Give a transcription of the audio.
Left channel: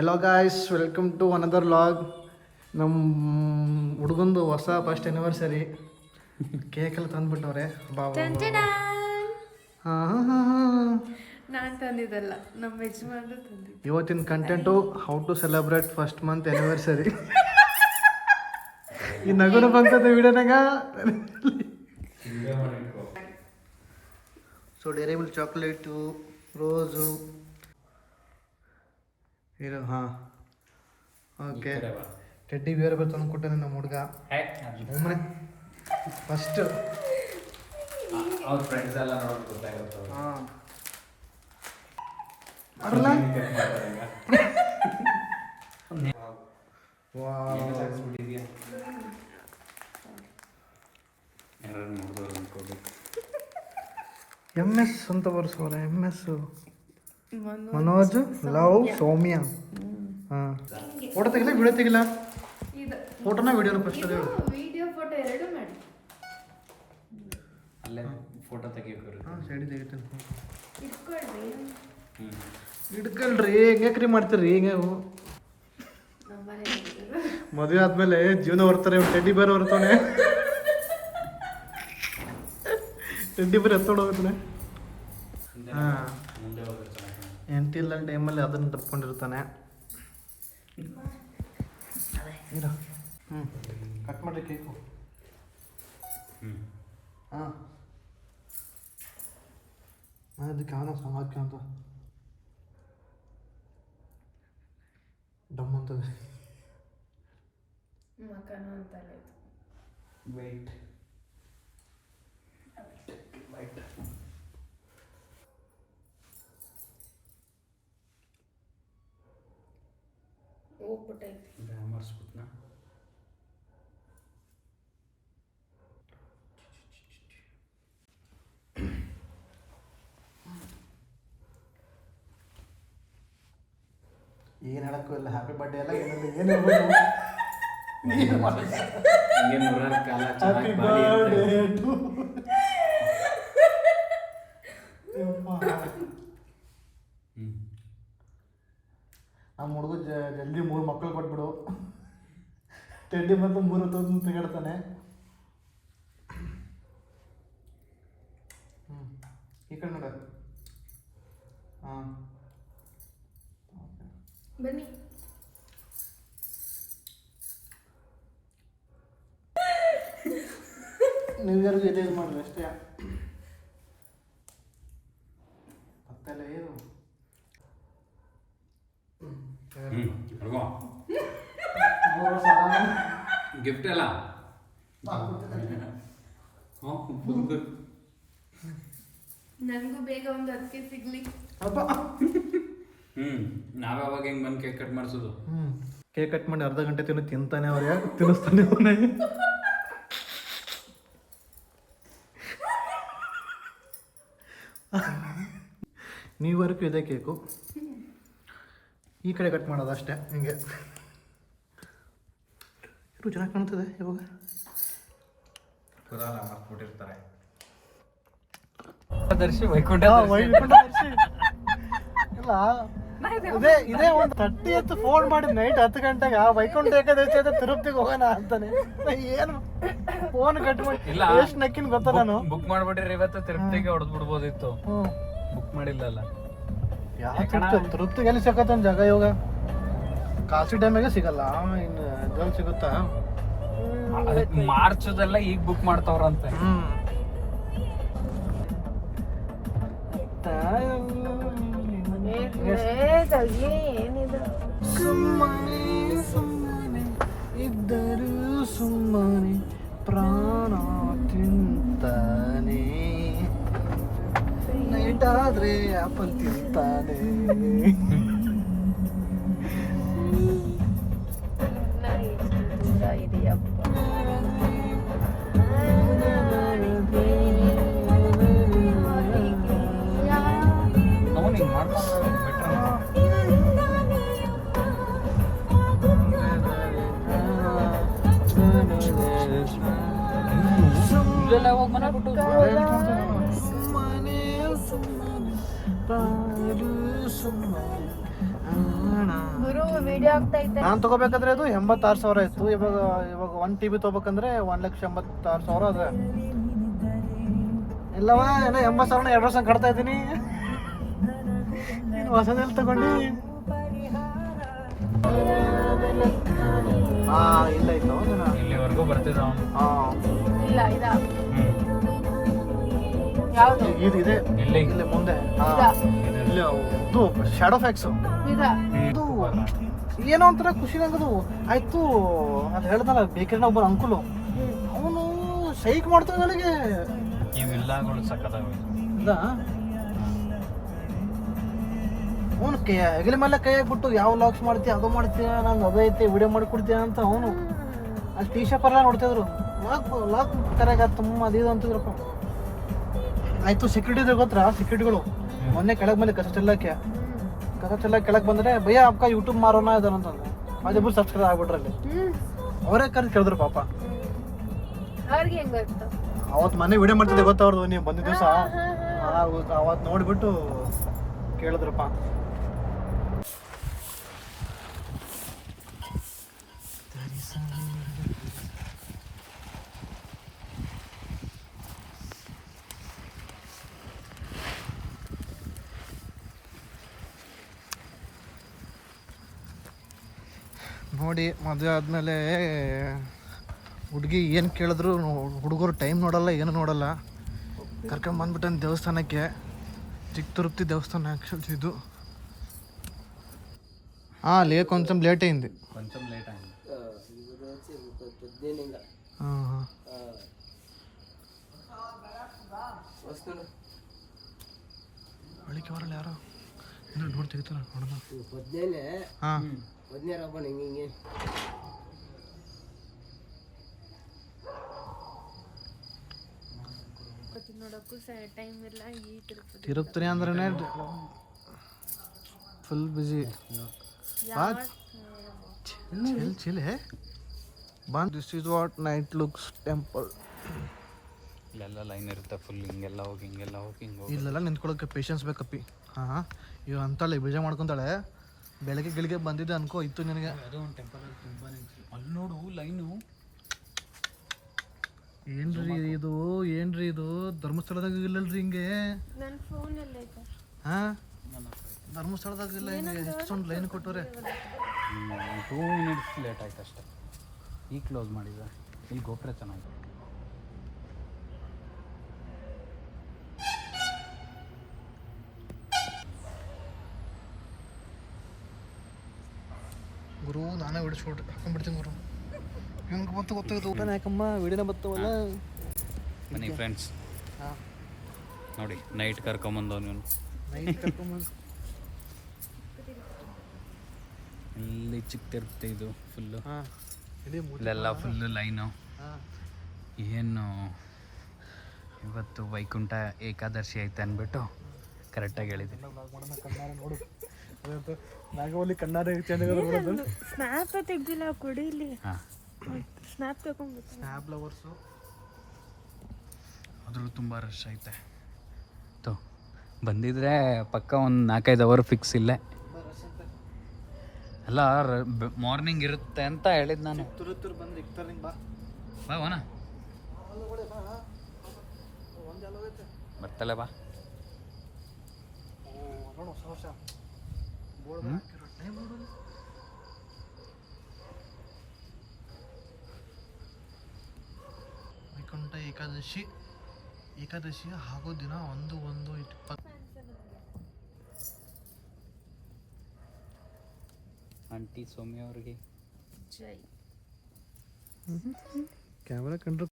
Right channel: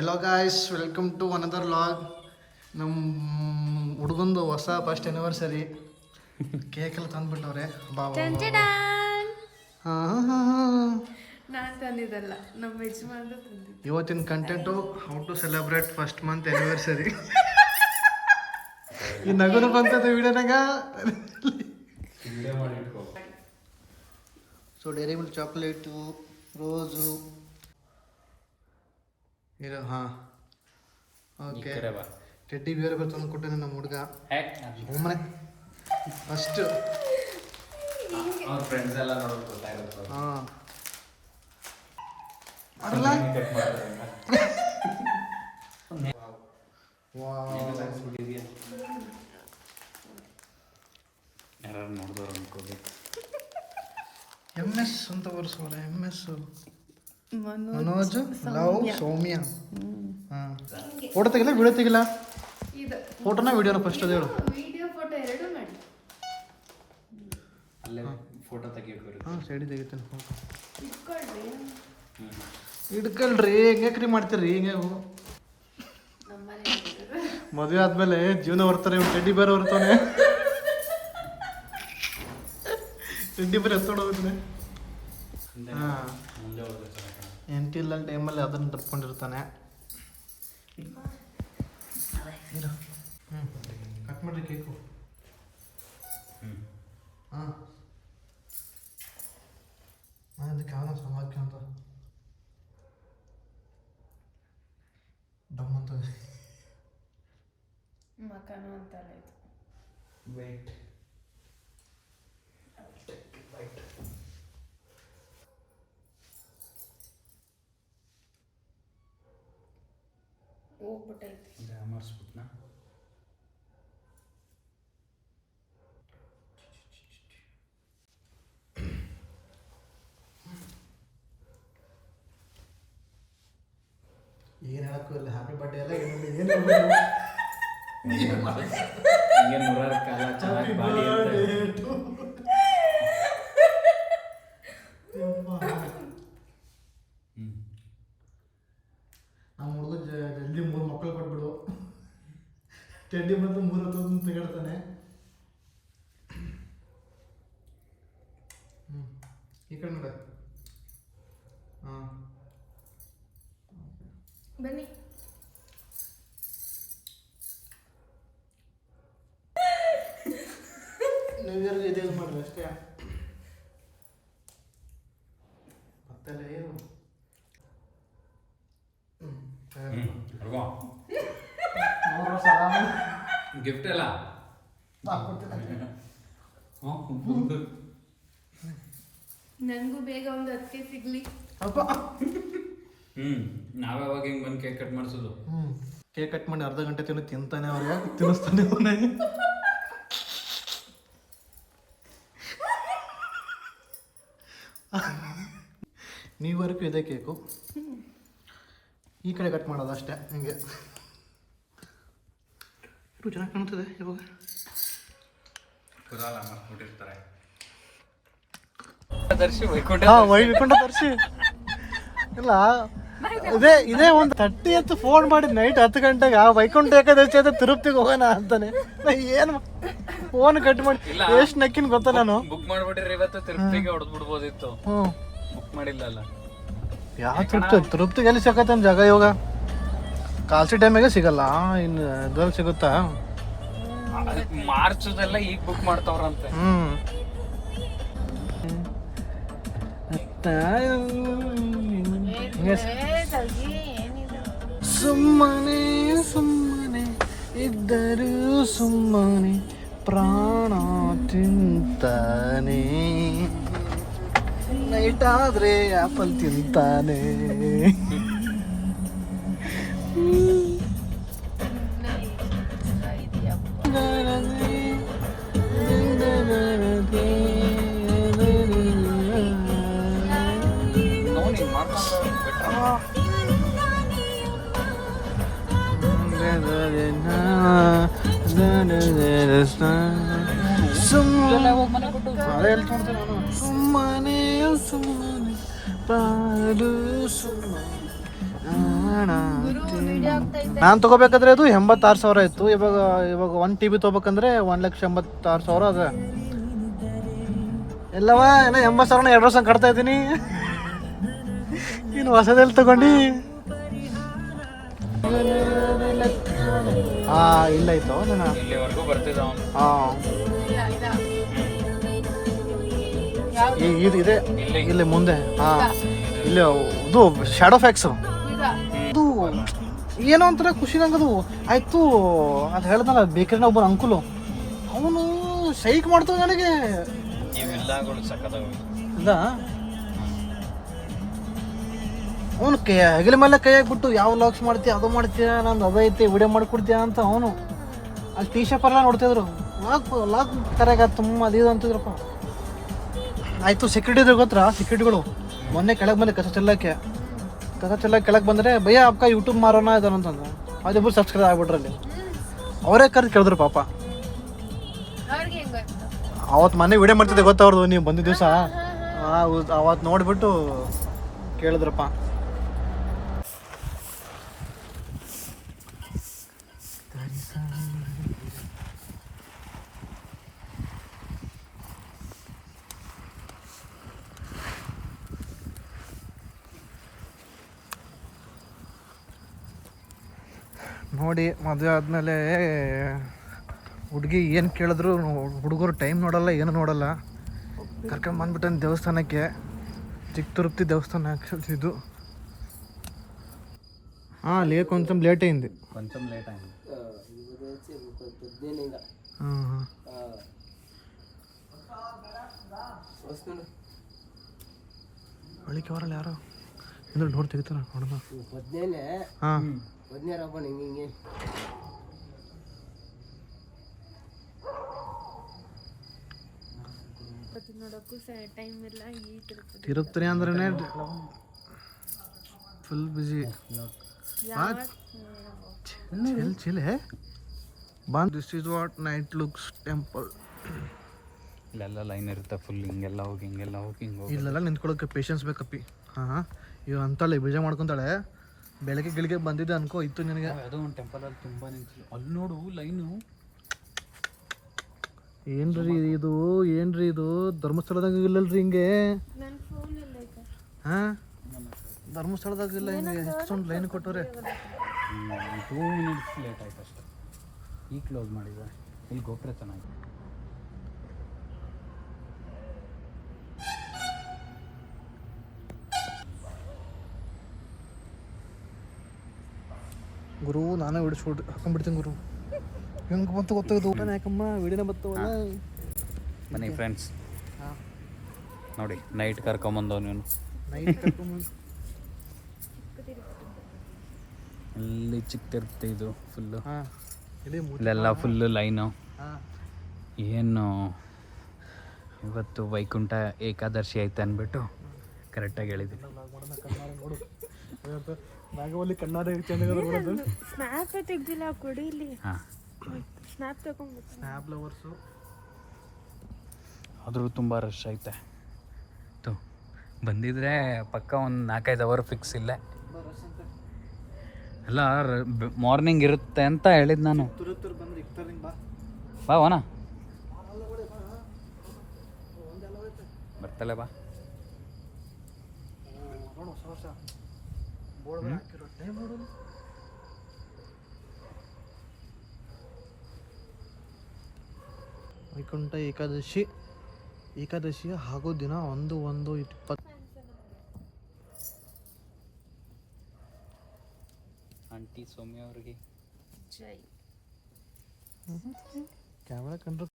Hello guys, welcome to another vlog. ನಮ್ಮ ಹುಡುಗಂದು ಹೊಸ ಫಸ್ಟ್ ಆ್ಯನಿವರ್ಸರಿ ಕೇಕೆಲ್ಲ ತಂದುಬಿಟ್ಟವ್ರೆ. ನಾನು ತಂದಿದ್ದಲ್ಲ, ನಮ್ಮ ಯಜಮಾನ್ರು ತಂದಿದ್ದು. ಇವತ್ತಿನ content how to celebrate first month anniversary. ಈ ನಗುನ ಬಂತದ ವಿಡಿಯೋನಾಗ. So Dairy Milk chocolate, rose ಇದು. ಹಾಂ, ಓಕೆ. ಟೆಡ್ಡಿ ಬೇರೆ ಬೇರೆ ತಂದು ಕೊಟ್ಟೆ ನಮ್ಮ ಹುಡುಗ. ಒಮ್ಮನೆ ಫಸ್ಟ್ ಅವ್ರ ಫ್ರೆಂಡ್ಸ್ ಎಲ್ಲ ನೋಡೋದು ಗೊತ್ತಾಗುತ್ತೆ. ಹಾಂ ಮಾಡಲ್ಲ. ಯಾರು ನೋಡಿದವ್ರು ಅನ್ಕೋಬೇಕು. MS ಅಂತ ಬರ್ಸೋರ. MS ಮನೋಜ್ ಲವ್ ಸೌಮ್ಯ. ಹಾಂ, ಫೋಟೋ ತೆಗಿಲ್ಲ, ವಿಡಿಯೋ ತೆಗಿಲ್ಲ. ಫೋಟೋನ ವಿಡಿಯೋನ ಫಸ್ಟ್ ವಿಡಿಯೋ ಫೋಟೋ ಎರಡು ಮಾಡಿ. ಅಲ್ಲೇ ಫೋಟೋ ತೆಗಿಯೋಕೆ. ಹಾಂ, ಸೈಡ್ ತೆಗಿತಾನೆ ಫೋಟೋ. ಇಟ್ಕೊಳ್ರಿ. ಹಿಡ್ಕಲ್ರಿ, ಹೆಂಗ್ಯಾಕ್ರಿ ಮಾಡ್ತೀರಿ ಹಿಂಗೆ? ಮದುವೆ ಆದ್ಮೇಲೆ ಜೀವನ ಬರ್ತಾರೆ. ಟೆಡ್ಡಿ ಬೇರೆ ಬರ್ತಾನೆ. ಟೆಡ್ಡಿ ಬೇರೆ ಎತ್ತೋಡ್ ಹೋಗ್ತಾನೆ. ಹಾಂ, ಮುಂದೆ ಹೋದ್ರೆ ಚೆನ್ನಾಗಿ ಎಂತಿಲ್ಲ ಟೈಮಲ್ಲಿ ಅದನ್ನು ತಪ್ಕೊಂಡಿರ್ತಾನೆ. ಕಟ್ ಮಾಡ್ರಿ ಕೇಕು. ಹಾಂ, ಅದಕ್ಕೆ ಅವನ ಸಮಾಜಕ್ಕೆ ಅಂತ ಡಮ್ ಅಂತದೆ. ಮಕನ ಅಂತಾರೆ ಇದು. ವೈಟ್ ಹೋಗ್ಬಿಟ್ಟೈತಿ. ಮಾಡಿಸ್ಬಿಟ್ನಾ? ಏನು ಹೇಳಕ್ಕೂ ಇಲ್ಲ. ಹ್ಯಾಪಿ ಬರ್ಡೇ ಎಲ್ಲ ಏನಿಲ್ಲ, ಹಿಂಗೆ ನೂರಾರು ಕಾಲ ಚೆನ್ನಾಗಿ ಬಾಳಿ ಅಂತ. ನಮ್ಮ ಹುಡುಗ ಜಲ್ದಿ 3 ಮಕ್ಕಳು ಕೊಟ್ಬಿಡು. ಟೆಡ್ಡಿ ಬಂದು 3 ಹೊತ್ತು ತೆಗಿಡ್ತಾನೆ. ಈ ಕಡೆ ನೋಡ. ಹಾಂ, ಬನ್ನಿ. ನ್ಯೂ ಇಯರ್ಗೆ ಇದೇ ಮಾಡ್ರಿ ಅಷ್ಟೇ. ಮತ್ತೆಲ್ಲ ಏನು ಗಿಫ್ಟ್ ಎಲ್ಲ ನನಗೂ ಬೇಗ ಒಂದು ಅದಕ್ಕೆ ಸಿಗ್ಲಿ. ಅಪ್ಪ. ನಾವ್ಯಾವಾಗ ಹೆಂಗ್ ಬಂದು ಕೇಕ್ ಕಟ್ ಮಾಡಿಸೋದು? ಕೇಕ್ ಕಟ್ ಮಾಡಿ ಅರ್ಧ ಗಂಟೆ ತಿಂತಾನೆ. ಅವ್ರು ಯಾಕೆ ತಿನ್ನಿಸ್ತಾನೆ ಅವನೇ? ನೀವರೆಗೂ ಇದೆ ಕೇಕು. ಈ ಕಡೆ ಕಟ್ ಮಾಡೋದು ಅಷ್ಟೇ. ಹಿಂಗೆ ಇರು, ಚೆನ್ನಾಗಿ ಕಾಣ್ತದೆ ಇವಾಗ. ಮಾಡ್ಕೊಟ್ಟಿರ್ತಾರೆ. ವೈಕುಂಠ ದರ್ಶಿ ಇಲ್ಲ, ಇದೇ ಒಂದು 30th ಫೋನ್ ಮಾಡಿದ್ ನೈಟ್ 10 ಗಂಟೆಗೆ. ವೈಕುಂಠ ಏಕಾದಶಿ ಅಂತ ತಿರುಪತಿಗೆ ಹೋಗೋಣ ಅಂತಾನೆ. ಏನು ಫೋನ್ ಕಟ್ ಮಾಡಿ ಎಷ್ಟು ನಕ್ಕಿನ ಗೊತ್ತ. ನಾನು ಬುಕ್ ಮಾಡ್ಬಿಟ್ರಿ ಇವತ್ತು ತಿರುಪತಿಗೆ ಹೊಡೆದ್ ಬಿಡ್ಬೋದಿತ್ತು. ಬುಕ್ ಮಾಡಿಲ್ಲಲ್ಲ. ಯಾವ ತಿರುಪತಿಗೆ ಎಲ್ಲಿ ಸಿಗತ್ತೆ ಜಾಗ? ಇವಾಗ ಕಾಲ್ಸಿ ಟೈಮಿಗೆ ಸಿಗಲ್ಲ. ಇನ್ನು ಅದ್ರಲ್ಲಿ ಸಿಗುತ್ತಾ? ಮಾರ್ಚದೆಲ್ಲ ಈಗ ಬುಕ್ ಮಾಡ್ತಾವ್ರಂತೆ. ಸುಮ್ಮನೆ ಸುಮ್ಮನೆ ಇದ್ದರೂ ಸುಮ್ಮನೆ ಪ್ರಾಣ ತಿಂತಾನೆ. ನೈಟ್ ಆದ್ರೆ ಆಪಲ್ ತಿಂತಾನೆ. ಸುಮ್ಮನೆ ಸುಮ್ಮನೆ ಪಾಡು ಸುಮ್ಮನೆ ವಿಡಿಯೋ ಆಗ್ತಾ ಇದ್ದ ನಾನು ತೊಗೋಬೇಕಾದ್ರೆ ಅದು 86,000 ಇತ್ತು. ಇವಾಗ 1 TB ತೊಗೋಬೇಕಂದ್ರೆ 1,86,000 ಅದ. ಎಲ್ಲವ ಏನೋ 80,000 2 ವರ್ಷ ಕಟ್ತಾ ಇದ್ದೀನಿ. ನೀನು ಹೊಸದಲ್ಲಿ ತಗೊಂಡು ಇಲ್ಲ ಇತ್ತು ಇಲ್ಲಿವರೆಗೂ ಬರ್ತಿದ್ದ ಅವನು. ಇಲ್ಲ ಇಲ್ಲ ಇದು ಇದೆ ಇಲ್ಲಿ ಇಲ್ಲಿ ಮುಂದೆ. ಇಲ್ಲಿ ಇದು ಶಾಡೋ ಫ್ಯಾಕ್ಸ್. ಈಗ ಅದು ಏನೋ ಒಂಥರ ಖುಷಿ ನಂಗದು. ಆಯ್ತು ಅದು ಹೇಳ್ದಲ್ಲ ಬೇಕರಿ ಒಬ್ಬ ಅಂಕುಲು, ಅವನು ಸೈಕ್ ಮಾಡ್ತಾವ ನನಗೆ. ಇವೆಲ್ಲಗಳು ಸಕ್ಕತ್ತಾಗ ಅಲ್ಲ ಅವನು ಹೆಗಲ ಮೇಲೆ ಕೈ ಹಾಕ್ಬಿಟ್ಟು ಯಾವ ಲಾಕ್ಸ್ ಮಾಡ್ತೀಯ ಅದು ಮಾಡ್ತೀಯ, ನಾನು ಅದೈತಿ ವಿಡಿಯೋ ಮಾಡಿಕೊಡ್ತೀಯ ಅಂತ ಅವನು. ಅಲ್ಲಿ ಟೀ ಶಾಪ್ ಎಲ್ಲ ನೋಡ್ತಿದ್ರು, ಲಾಕ್ ಕರೆಗ ತುಂಬ ಅದು ಇದು ಅಂತಿದ್ರಪ್ಪ. ಆಯ್ತು ಸೆಕ್ಯೂರಿಟಿ ಇದ್ರೆ ಗೊತ್ತಾ, ಸೆಕ್ಯೂರಿಟಿಗಳು ಮೊನ್ನೆ ಕೆಳಗೆ ಬಂದೆ ಕಸ ಚೆಲ್ಲಕ್ಕೆ ಕೆಳಗೆ ಬಂದರೆ ಭಯ್ಯ ಅಪ್ಪ ಯೂಟ್ಯೂಬ್ ಮಾರೋಣ ಇದಾರಂತಂದ್ರೆ ಅದಿಬ್ಬರು ಸಬ್ಸ್ಕ್ರೈಬ್ ಆಗ್ಬಿಟ್ರಲ್ಲಿ. ಅವರೇ ಕರೆದು ಕೇಳಿದ್ರು ಪಾಪ. ಅವ್ರಿಗೆ ಹೆಂಗ್ ಗೊತ್ತು? ಅವತ್ತು ಮನೆ ವಿಡಿಯೋ ಮಾಡ್ತಿದ್ದೆ ಗೊತ್ತವ್ರದ್ದು, ನೀವು ಬಂದಿದ್ದ ದಿವಸ ಅವತ್ತು ನೋಡಿಬಿಟ್ಟು ಕೇಳಿದ್ರಪ್ಪ. ನೋಡಿ ಮದುವೆ ಆದಮೇಲೆ ಹುಡುಗಿ ಏನು ಕೇಳಿದ್ರು ಹುಡುಗರು ಟೈಮ್ ನೋಡಲ್ಲ, ಏನು ನೋಡಲ್ಲ. ಕರ್ಕೊಂಬಂದ್ಬಿಟ್ಟು ದೇವಸ್ಥಾನಕ್ಕೆ, ಚಿಕ್ಕ ತಿರುಪತಿ ದೇವಸ್ಥಾನ ಆ್ಯಕ್ಚುಲಿ ಇದು. లేట్ కొంచెం లేట్ అయింది. కొంచెం లేట్ అయింది. ಬಳಿಕೆ ಬರಲ್ಲ ಯಾರೋ ಅಂದ್ರೆ ನೋಡಿ ತೆಗಿತಾರ ನೋಡೋಣ. ಹಾಂ ನೋಡಕ್ಕೂ ಟೈಮ್ ಇಲ್ಲ. ಈ ತಿರುಪತಿ ಅಂದ್ರೆ ಫುಲ್ ಬಿಸಿ. ಚಿಲ್ ಹೇ ಬಂದ್. This is what night looks temple. ಇಲ್ಲೆಲ್ಲ ಲೈನ್ ಇರುತ್ತೆ ಫುಲ್, ಹಿಂಗೆಲ್ಲ ಹೋಗಿ ಹಿಂಗೆಲ್ಲ ಹೋಗಿ ಇಲ್ಲೆಲ್ಲ ನಿಂತ್ಕೊಳ್ಳೋಕೆ ಪೇಷನ್ಸ್ ಬೇಕಪ್ಪಿ. ಹಾಂ ಇವ್ ಅಂತಾಳೆ ಬೇಜ ಮಾಡ್ಕೊತಾಳೆ. ಬೆಳಗ್ಗೆ ಬಂದಿದ್ದೆ ಅನ್ಕೋ ಇತ್ತು ನಿನಗೆ. ಯಾವುದೋ ಒಂದು ಟೆಂಪಲಲ್ಲಿ ತುಂಬ ನಿಂತು ಅಲ್ಲಿ ನೋಡು ಲೈನು. ಏನ್ರಿ ಇದು ಧರ್ಮಸ್ಥಳದಾಗ ಇಲ್ಲಲ್ರಿ ಹಿಂಗೆ. ನನ್ನ ಫೋನಲ್ಲಿ ಐತೆ. ಹಾಂ ಧರ್ಮಸ್ಥಳದಾಗ ಇಲ್ಲ ಹಿಂಗೆ ಎಷ್ಟೊಂದು ಲೈನ್ ಕೊಟ್ಟವ್ರೆ. 2 ಮಿನಿಟ್ಸ್ ಲೇಟ್ ಆಯ್ತು ಅಷ್ಟೇ. ಈಗ ಕ್ಲೋಸ್ ಮಾಡಿದೆ. ಇಲ್ಲಿ ಗೋಪುರ ಚೆನ್ನಾಗಿ. ಗುರು ನಾನೇ ವಿಡಿಯೋ ಶೂಟ್ ಹಾಕೊಂಡ್ಬಿಡ್ತೀನಿ ಗುರು. ಹೆಂಗೆ ಬಂತು ಗೊತ್ತಾಯ್ತು ಊಟ ಯಾಕಮ್ಮ ವಿಡಿಯೋನ ಬರ್ತವಲ್ಲ. ಬನ್ನಿ ಫ್ರೆಂಡ್ಸ್, ಹಾಂ ನೋಡಿ ನೈಟ್ ಕರ್ಕೊಂಬಂದವ್ ನೀನು. ನೈಟ್ ಕರ್ಕೊಂಬಂದು ಅಲ್ಲಿ ಚಿಕ್ಕ ತಿರುಪತಿ ಇದು ಫುಲ್ಲು. ಹಾಂ ಇಲ್ಲೆಲ್ಲ ಫುಲ್ಲು ಲೈನು. ಏನು ಇವತ್ತು ವೈಕುಂಠ ಏಕಾದಶಿ ಐತೆ ಅಂದ್ಬಿಟ್ಟು ಕರೆಕ್ಟಾಗಿ ಹೇಳಿದ್ದೀನಿ. ನಾಗವಲ್ಲಿ ಕಣ್ಣಾರೆ ಚಂದ ಸ್ನ್ಯಾಪ್ ತೆಗ್ದಿಲ್ಲ ಕೊಡಿಲಿ. ಹಾಂ ಸ್ನ್ಯಾಪ್ ತಗೊಂಡು ಸ್ನ್ಯಾಪ್ ಲವರ್ಸು. ಆದರೂ ತುಂಬ ರಶ್ ಐತೆ. ಬಂದಿದ್ರೆ ಪಕ್ಕ ಒಂದು 4-5 ಅವರ್ ಫಿಕ್ಸ್ ಇಲ್ಲೇ. ಅಲ್ಲ ಮಾರ್ನಿಂಗ್ ಇರುತ್ತೆ ಅಂತ ಹೇಳಿದ್ದು ನಾನು. ತುರು ಬಂದ್ರೆ ಇಕ್ತಾರೆ ನಿಂಗೆ ಬಾ ಬಾ ವನ ಬರ್ತಲ್ಲ ಬಾ. ನೋಡು ಹೊಸ ವರ್ಷ ಟೈಮ್ ನೋಡು. ವೈಕುಂಠ ಏಕಾದಶಿ ಆಗೋ ದಿನ 1/1/20. ಆಂಟಿ ಸೌಮ್ಯ ಅವ್ರಿಗೆ ಜೈ. ಕ್ಯಾಮ್ರಾ ಕಂಡ್ರೆ